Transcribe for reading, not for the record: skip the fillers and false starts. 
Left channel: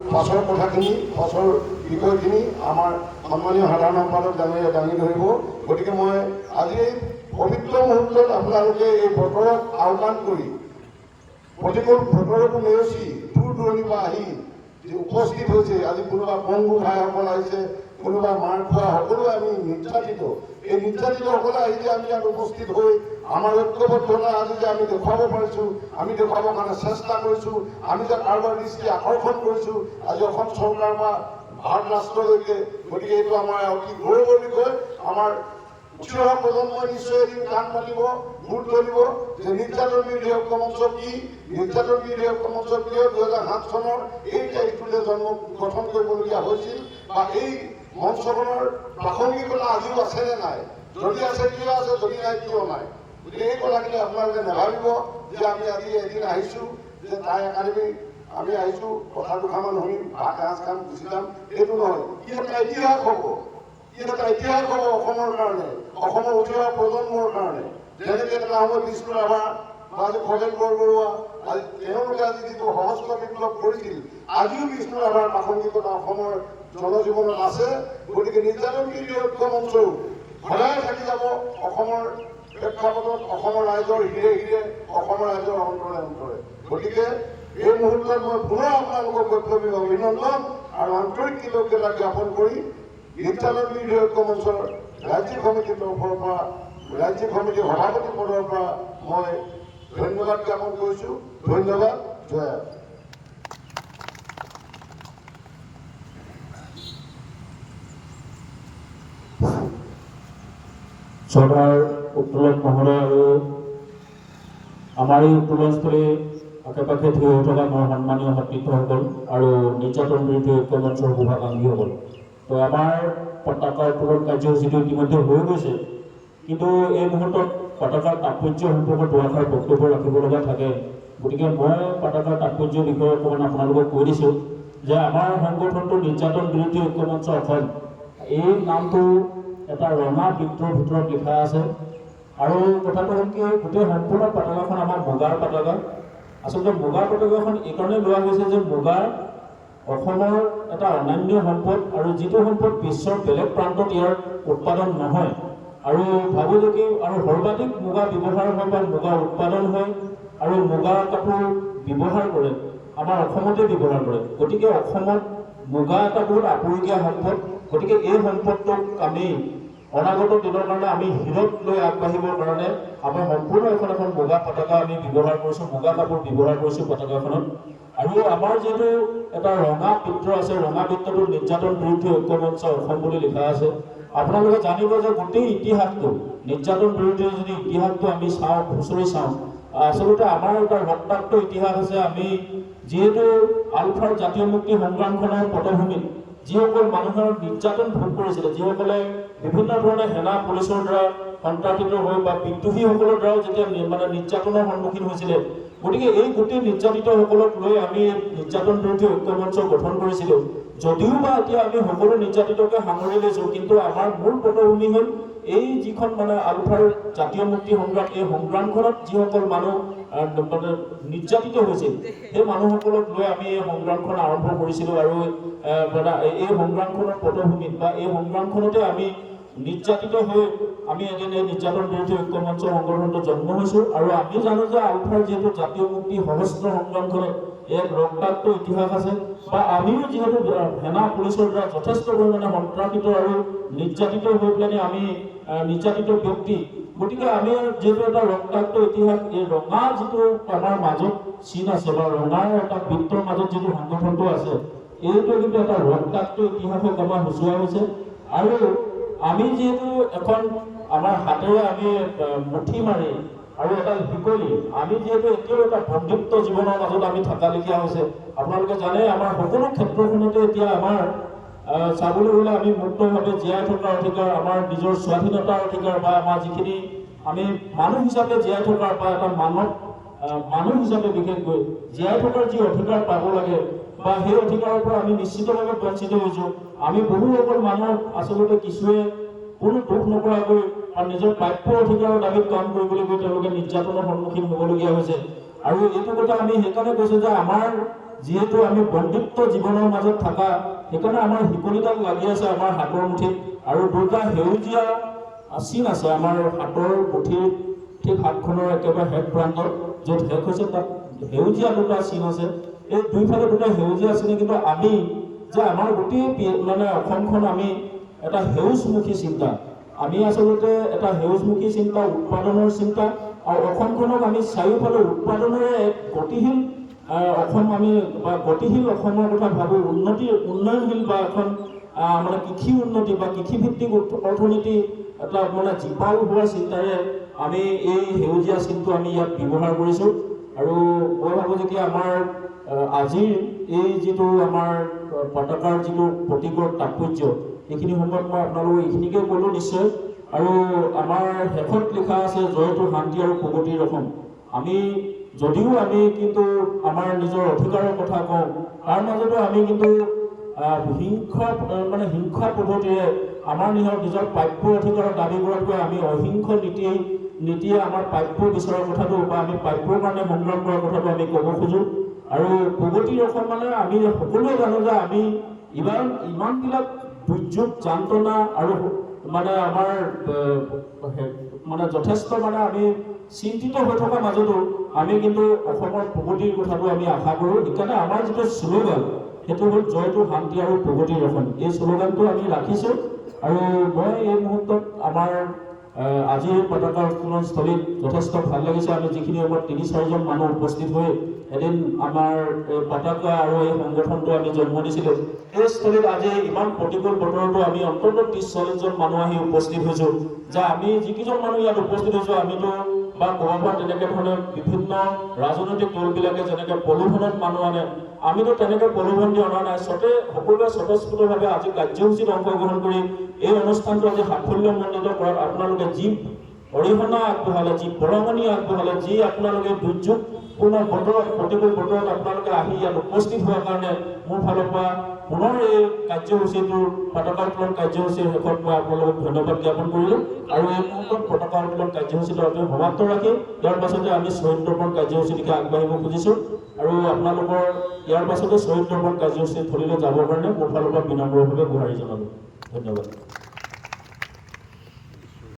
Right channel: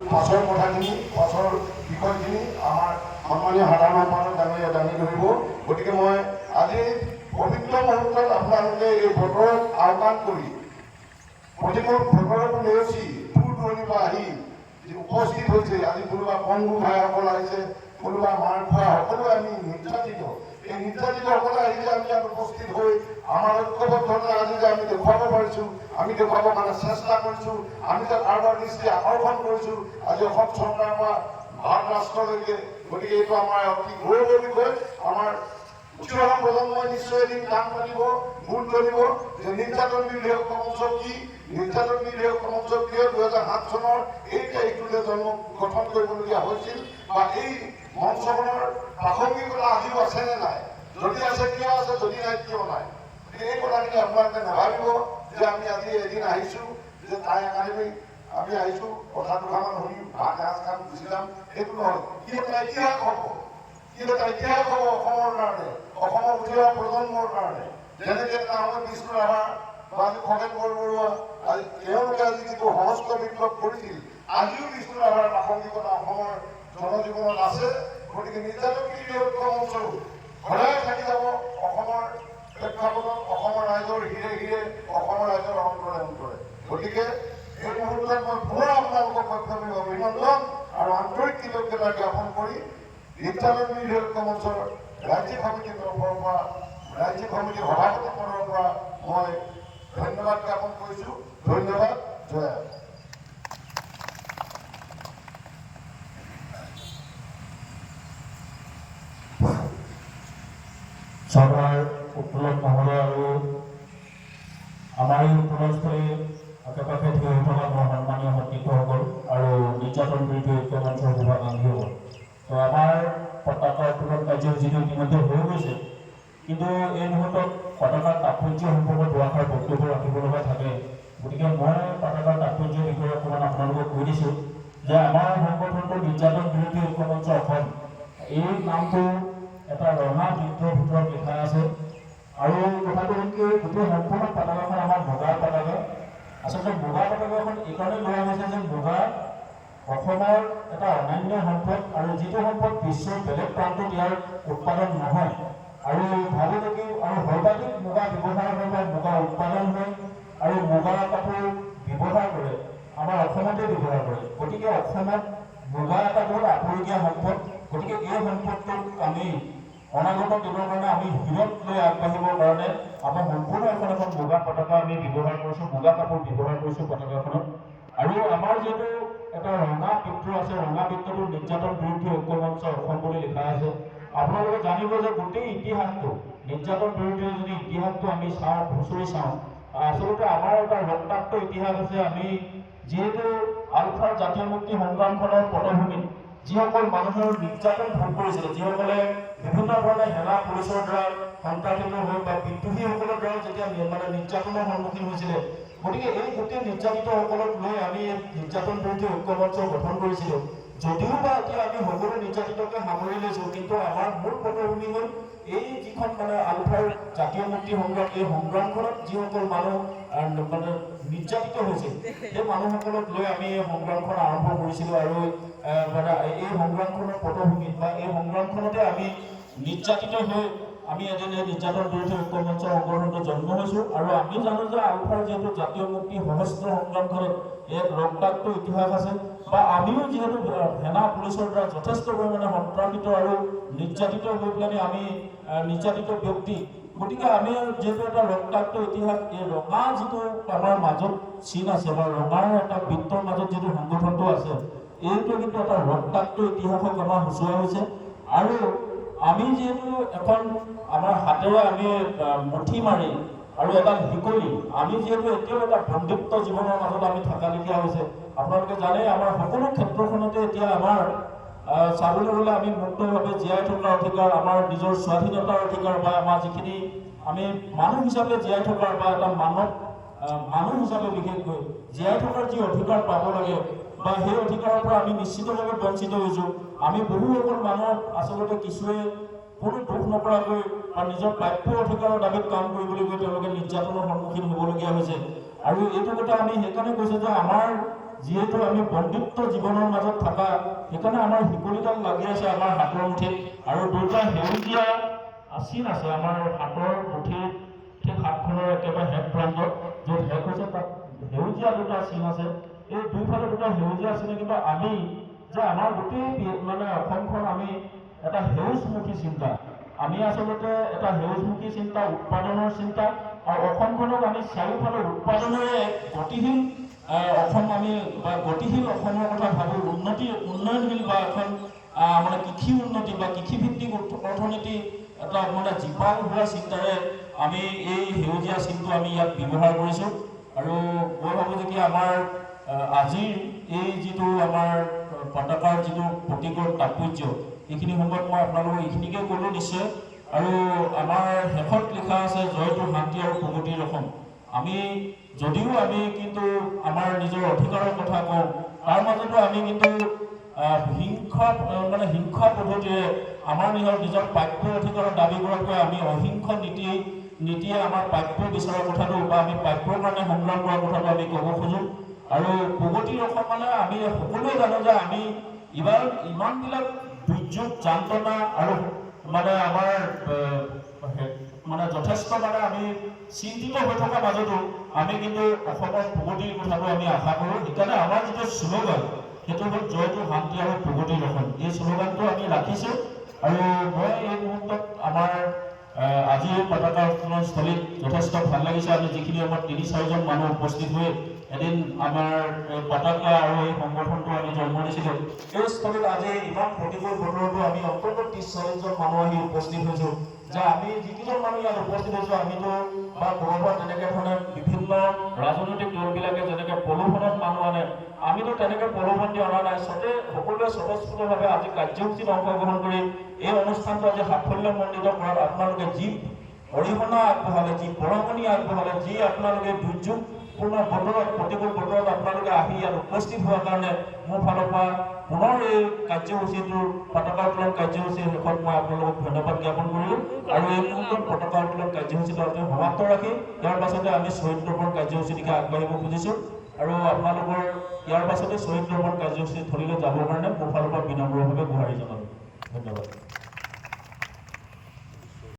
পাছৰ কথাখিনি পাছৰ বিষয়খিনি আমাৰ সন্মানীয় সাধাৰণ সম্পাদক দাঙি ধৰিব। গতিকে মই আজি পবিত্ৰ মুহূৰ্তত আপোনালোকে এই বতৰক আওকাণ কৰি প্ৰতিকূল বতৰক নেওচি দূৰ দূৰণিৰ পৰা আহি উপস্থিত হৈছে। আজি কোনোবা বন্ধু ভাইসকল আহিছে, কোনোবা মাৰ খোৱা সকলোৱে আমি নিৰ্যাতিত, এই নিৰ্যাতিতসকলে আহিছে আমি ইয়াত উপস্থিত হৈ আমাৰ ঐক্যবদ্ধতা আজি যে আমি দেখুৱাব পাৰিছোঁ, আমি দেখুৱাবৰ কাৰণে চেষ্টা কৰিছোঁ, আমি যে কাৰোবাৰ দৃষ্টি আকৰ্ষণ কৰিছোঁ আজি অসম চৰকাৰ বা ভাৰত ৰাষ্ট্ৰলৈকে। গতিকে এইটো আমাৰ অতি গৌৰৱৰ বিষয়। আমাৰ উঠি অহা প্ৰজন্মই নিশ্চয় এদিন কাম পাতিব, গুৰুত্ব দিব যে নিৰ্যাতন বিৰোধী ঐক্য মঞ্চ কি, নিৰ্যাতন বিৰোধী ঐক্য মঞ্চ কিয় 2007 চনৰ এই তাৰিখটোতে গঠন কৰিবলগীয়া হৈছিল, বা এই মঞ্চখনৰ প্ৰাসংগিকতা আজিও আছেনে নাই, যদি আছে কিয় আছে, যদি নাই কিয় নাই। গতিকে এই কথাখিনি আপোনালোকে নাভাবিব যে আমি আজি এদিন আহিছোঁ যে তাই একাডেমি আমি আহিছোঁ কথা দুটামান শুনিম, ভাত এসাঁজ খাম, গুচি যাম, এইটো নহয়। কি এটা ইতিহাস হ'ব, এটা ইতিহাস হ'ব অসমৰ কাৰণে, অসমৰ উঠি অহা প্ৰজন্মৰ কাৰণে। যেনেকৈ এটা সময়ত বিষ্ণু ৰাভা বা আজি খগেন বৰবৰুৱা তেওঁলোকে আজি যিটো সহস্ৰ বিপ্লৱ কৰিছিল, আজিও বিষ্ণু ৰাভাৰ প্ৰাসংগিকতা অসমৰ জনজীৱনত আছে। গতিকে নিৰ্যাতন বিৰোধী ঐক্য মঞ্চও সদায় থাকি যাব অসমৰ প্ৰেক্ষাপটত, অসমৰ ৰাইজৰ হিৰে হিৰে, অসমৰ ৰাইজৰ অন্তৰে অন্তৰে। গতিকে এই মুহূৰ্তত মই পুনৰ আপোনালোকক বৈপ্লৱিক অভিনন্দন আৰু আন্তৰিক কৃতজ্ঞতা জ্ঞাপন কৰি নিৰ্যাতন বিৰোধী ঐক্য মঞ্চৰ ৰাজ্যিক সমিতিৰ তৰফৰ পৰা, ৰাজ্যিক সমিতিৰ সভাপতি পদৰ পৰা মই ধন্যবাদ জ্ঞাপন কৰিছোঁ। ধন্যবাদ। জয়। চৰকাৰ উত্তোলন মহোদয় আৰু আমাৰ এই উত্তোলনস্থলী আশে পাশে থিয় হৈ থকা মোৰ সন্মানীয় সতীৰ্থসকল আৰু নিৰ্যাতন বিৰোধী ঐক্য মঞ্চৰ শুভাকাংক্ষীসকল। তো আমাৰ পতাকা উত্তোলন কাৰ্যসূচীটো ইতিমধ্যে হৈ গৈছে, কিন্তু এই মুহূৰ্তত পতাকাৰ তাৎপৰ্য সম্পৰ্কত দুআষাৰ বক্তব্য ৰাখিব লগা থাকে। গতিকে মই পতাকাৰ তাৎপৰ্যৰ বিষয়ে অকণমান আপোনালোকক কৈ দিছোঁ যে আমাৰ সংগঠনটো নিৰ্যাতন বিৰোধী ঐক্য মঞ্চ অসম, এই নামটো এটা ৰঙা বৃত্তৰ ভিতৰত লিখা আছে। আৰু কথাটো হ'ল কি, গোটেই সম্পূৰ্ণ পতাকাখন আমাৰ মুগাৰ পতাকা। আচলতে মুগাৰ পতাকাখন এইকাৰণেই লোৱা হৈছে যে মুগা অসমৰ এটা অনন্য সম্পদ, আৰু যিটো সম্পদ বিশ্বৰ বেলেগ প্ৰান্তত ইয়াৰ উৎপাদন নহয়। আৰু ভাবোঁ যে কি আৰু সৰ্বাধিক মুগা ব্যৱহাৰ হয় বা মুগা উৎপাদন হয় আৰু মুগা কাপোৰ ব্যৱহাৰ কৰে আমাৰ অসমতে ব্যৱহাৰ কৰে। গতিকে অসমত মুগা এটা বহুত আপুৰুগীয়া সম্পদ। গতিকে এই সম্পদটোক আমি অনাগত দিনৰ কাৰণে আমি হিৰত লৈ আগবাঢ়িবৰ কাৰণে আমি সম্পূৰ্ণ এখন মুগা পতাকা আমি ব্যৱহাৰ কৰিছোঁ, মুগা কাপোৰ ব্যৱহাৰ কৰিছোঁ পতাকাখনত। আৰু আমাৰ যিটো এটা ৰঙা বৃত্ত আছে, ৰঙা বৃত্তটো নিৰ্যাতন বিৰোধী ঐক্য মঞ্চ অসম বুলি লিখা আছে। আপোনালোকে জানিব যে গোটেই ইতিহাসটো, নিৰ্যাতন বিৰোধী যদি ইতিহাসটো আমি চাওঁ, খুচৰি চাওঁ, আচলতে আমাৰ এটা ৰক্তাক্ত ইতিহাস আছে। আমি যিহেতু আলফাৰ জাতীয় মুক্তি সংগ্ৰামখনৰ পটভূমিত যিসকল মানুহৰ নিৰ্যাতন ভোগ কৰিছিলে, যিসকলে বিভিন্ন ধৰণে সেনা পুলিচৰ দ্বাৰা সন্ত্ৰাসিত হৈ বা বিদ্ৰোহীসকলৰ দ্বাৰা যেতিয়া নিৰ্যাতনৰ সন্মুখীন হৈছিলে, গতিকে এই গোটেই নিৰ্যাতিতসকলক লৈ আমি নিৰ্যাতন বিৰোধী ঐক্য মঞ্চ গঠন কৰিছিলোঁ। যদিও বা এতিয়া আমি সকলো নিৰ্যাতিতকে সামৰি লৈছোঁ, কিন্তু আমাৰ মূল পটভূমি হ'ল এই যিখন আলফাৰ জাতীয় মুক্তি সংগ্ৰাম, এই সংগ্ৰামখনত যিসকল মানুহ নিৰ্যাতিত হৈছিল, সেই মানুহসকলক লৈ আমি এই সংগ্ৰামখন আৰম্ভ কৰিছিলোঁ। আৰু এই সংগ্ৰামখনৰ পটভূমিত বা এই সংগ্ৰামখনতে আমি নিৰ্যাতিত হৈ আমি এদিন এই নিৰ্যাতন বিৰোধী ঐক্য মঞ্চ সংগঠনটো জন্ম হৈছোঁ। আৰু আমি জানো যে আলফাৰ যিহেতু জাতীয় মুক্তি সহস্ৰ সংগ্ৰামখনত এক ৰক্তাক্ত ইতিহাস আছে, বা আমিও যিহেতু সেনা পুলিচৰ দ্বাৰা যথেষ্ট পৰিমাণে সন্ত্ৰাসিত আৰু নিৰ্যাতিত হৈ পেলাই আমি নিৰ্যাতিত ব্যক্তি। গতিকে আমি যিহেতু এটা ৰক্তাক্ত ইতিহাস, এই ৰঙা যিটো আমাৰ মাজত চিন আছে বা ৰঙাৰ এটা বৃত্তৰ মাজত যিটো সংগঠনটো আছে, এইটো কিন্তু এটা ৰক্তাক্ত ইতিহাসক আমাৰ সূচোৱা হৈছে। আৰু আমি যিহেতু এখন আমাৰ হাতেৰে আমি মুঠি মাৰি আৰু এটা শিকলি, আমি যিহেতু এতিয়াও এটা বন্ধুত্ব জীৱনৰ মাজত আমি থকালেখীয়া হৈছে। আপোনালোকে জানে আমাৰ সকলো ক্ষেত্ৰখনতে এতিয়া আমাৰ চাবলৈ গ'লে আমি মুক্তভাৱে জীয়াই থকাৰ অধিকাৰ, আমাৰ নিজৰ স্বাধীনতাৰ অধিকাৰ, বা আমাৰ যিখিনি আমি মানুহ হিচাপে জীয়াই থকাৰ বা এটা মানুহ হিচাপে বিশেষকৈ জীয়াই থকাৰ যি অধিকাৰ পাব লাগে, বা সেই অধিকাৰৰ পৰা আমি নিশ্চিতভাৱে বঞ্চিত হৈছোঁ। আমি বহুসকল মানুহ আচলতে কিছুৱে কোনো দুখ নকৰাকৈ আৰু নিজৰ প্ৰাপ্য অধিকাৰৰ দাবীত কাম কৰিবলৈ গৈ তেওঁলোকে নিৰ্যাতনৰ সন্মুখীন হ'বলগীয়া হৈছে। আৰু এইটো কথা আমি সেইকাৰণে কৈছোঁ যে আমাৰ যিহেতু আমি বন্দিত্ব জীৱনৰ মাজত থকা সেইকাৰণে আমাৰ শিকলিডাল লাগি আছে আমাৰ হাতৰ মুঠিত আৰু দুটা সেউজীয়া চিন আছে আমাৰ হাতৰ মুঠিৰ ঠিক হাতখনৰ একেবাৰে শেষ প্ৰান্তত য'ত শেষ হৈছে তাত সেউজীয়া দুটা চিন আছে এই দুইফালে দুটা সেউজীয়া চিন কিন্তু আমি যে আমাৰ গোটেই মানে অসমখন আমি এটা সেউজমুখী চিন্তা আমি আচলতে এটা সেউজমুখী চিন্তা উৎপাদনৰ চিন্তা আৰু অসমখনক আমি চাৰিওফালে উৎপাদনেৰে এক গতিশীল অসম আমি বা গতিশীল অসমৰ কথা ভাবোঁ উন্নয়নশীল বা এখন মানে কৃষি উন্নতি বা কৃষিভিত্তিক অৰ্থনীতি এটা মানে জীপাল হোৱা চিন্তাৰে আমি এই সেউজীয়া চিনটো আমি ইয়াত ব্যৱহাৰ কৰিছোঁ আৰু মই ভাবোঁ যেতিয়া আমাৰ আজিৰ এই যিটো আমাৰ পতাকাৰ যিটো প্ৰতীকৰ তাৎপৰ্য এইখিনি সময়ত মই আপোনালোকক এইখিনিকে ক'লোঁ নিশ্চয় আৰু আমাৰ শেষত লিখা আছে জয়টো শান্তি আৰু প্ৰগতিৰ অসম আমি যদিও আমি কিন্তু আমাৰ নিজৰ অধিকাৰৰ কথা কওঁ তাৰ মাজতো আমি কিন্তু হিংসা পদ্ধতিৰে আমাৰ নিজৰ প্ৰাপ্য অধিকাৰৰ দাবী কৰাতকৈ আমি অহিংস নীতিয়ে আমাৰ প্ৰাপ্য বিচৰাৰ কথাটো বা আমি প্ৰাপ্যৰ কাৰণে সংগ্ৰাম কৰাৰ কথাটো আমি ক'ব খোজোঁ আৰু প্ৰগতিৰ অসম মানে আমি সকলোৱে জানো যে আমি ইমানবিলাক দুৰ্যোগ যান্ত্ৰণা আৰু মানে আমাৰ মানে যথেষ্ট মানে আমি চিন্তিত হৈ থকাৰ মাজতো আমি কিন্তু অসমৰ প্ৰগতিৰ কথাটো আমি আশা কৰোঁ সেইকাৰণে আমাৰ যিটো শ্লোগান সেইটো হ'ল জয়টো শান্তি আৰু প্ৰগতিৰ অসম এই শ্লোগানটো আমি ৰাখিছোঁ আৰু মই এই মুহূৰ্তত আমাৰ আজিৰ পতাকা উত্তোলন স্থলীত যথেষ্ট ভাল লাগিছে আমি যিখিনি সময়ত ৩-৪জন মানুহ উপস্থিত হৈ এদিন আমাৰ পতাকা আৰু এই সংগঠনটো আমি জন্ম দিছিলোঁ এই স্থলীত আজি ইমান প্ৰতিকূল বতৰতো আমি অন্ততঃ ৩০-৪০জন মানুহ আহি উপস্থিত হৈছোঁ যে আমি যিকেইজন মানুহ ইয়াত উপস্থিত হৈছোঁ আমিতো বা ক'ৰবাত তেনেকৈ ধৰণে বিভিন্ন ৰাজনৈতিক দলবিলাকে যেনেকৈ প্ৰলোভনত মানুহ আনে আমিতো তেনেকৈ প্ৰলোভন দি অনা নাই সকলোৱে স্বতঃস্ফূৰ্তভাৱে আজি কাৰ্যসূচীত অংশগ্ৰহণ কৰি এই অনুষ্ঠানটো আজি সাফল্যমণ্ডিত কৰাত আপোনালোকে যি অৰিহণা আগবঢ়ালে যি বৰঙণি আগবঢ়ালে যি আপোনালোকে দুৰ্যোগপূৰ্ণ বতৰত প্ৰতিকূল বতৰত আপোনালোকে আহি ইয়াত উপস্থিত হোৱাৰ কাৰণে মোৰ ফালৰ পৰা পুনৰ এই কাৰ্যসূচীটোৰ পতাকা উত্তোলন কাৰ্যসূচীৰ শেষত মই আপোনালোকক ধন্যবাদ জ্ঞাপন কৰিলোঁ আৰু এই মুহূৰ্তত পতাকা উত্তোলন কাৰ্যসূচীটো আমি সমাপ্ত ৰাখি ইয়াৰ পাছতে আমি শ্বহীদ দৰ্পণ কাৰ্যসূচীৰ দিশে আগবাঢ়িব খুজিছোঁ আৰু আপোনালোকৰ ইয়াৰ পাছতে শ্বহীদ দৰ্পণ কাৰ্যসূচী থলীলৈ যাবৰ কাৰণে মোৰ ফালৰ পৰা বিনম্ৰভাৱে গুহাৰি জনালোঁ ধন্যবাদ।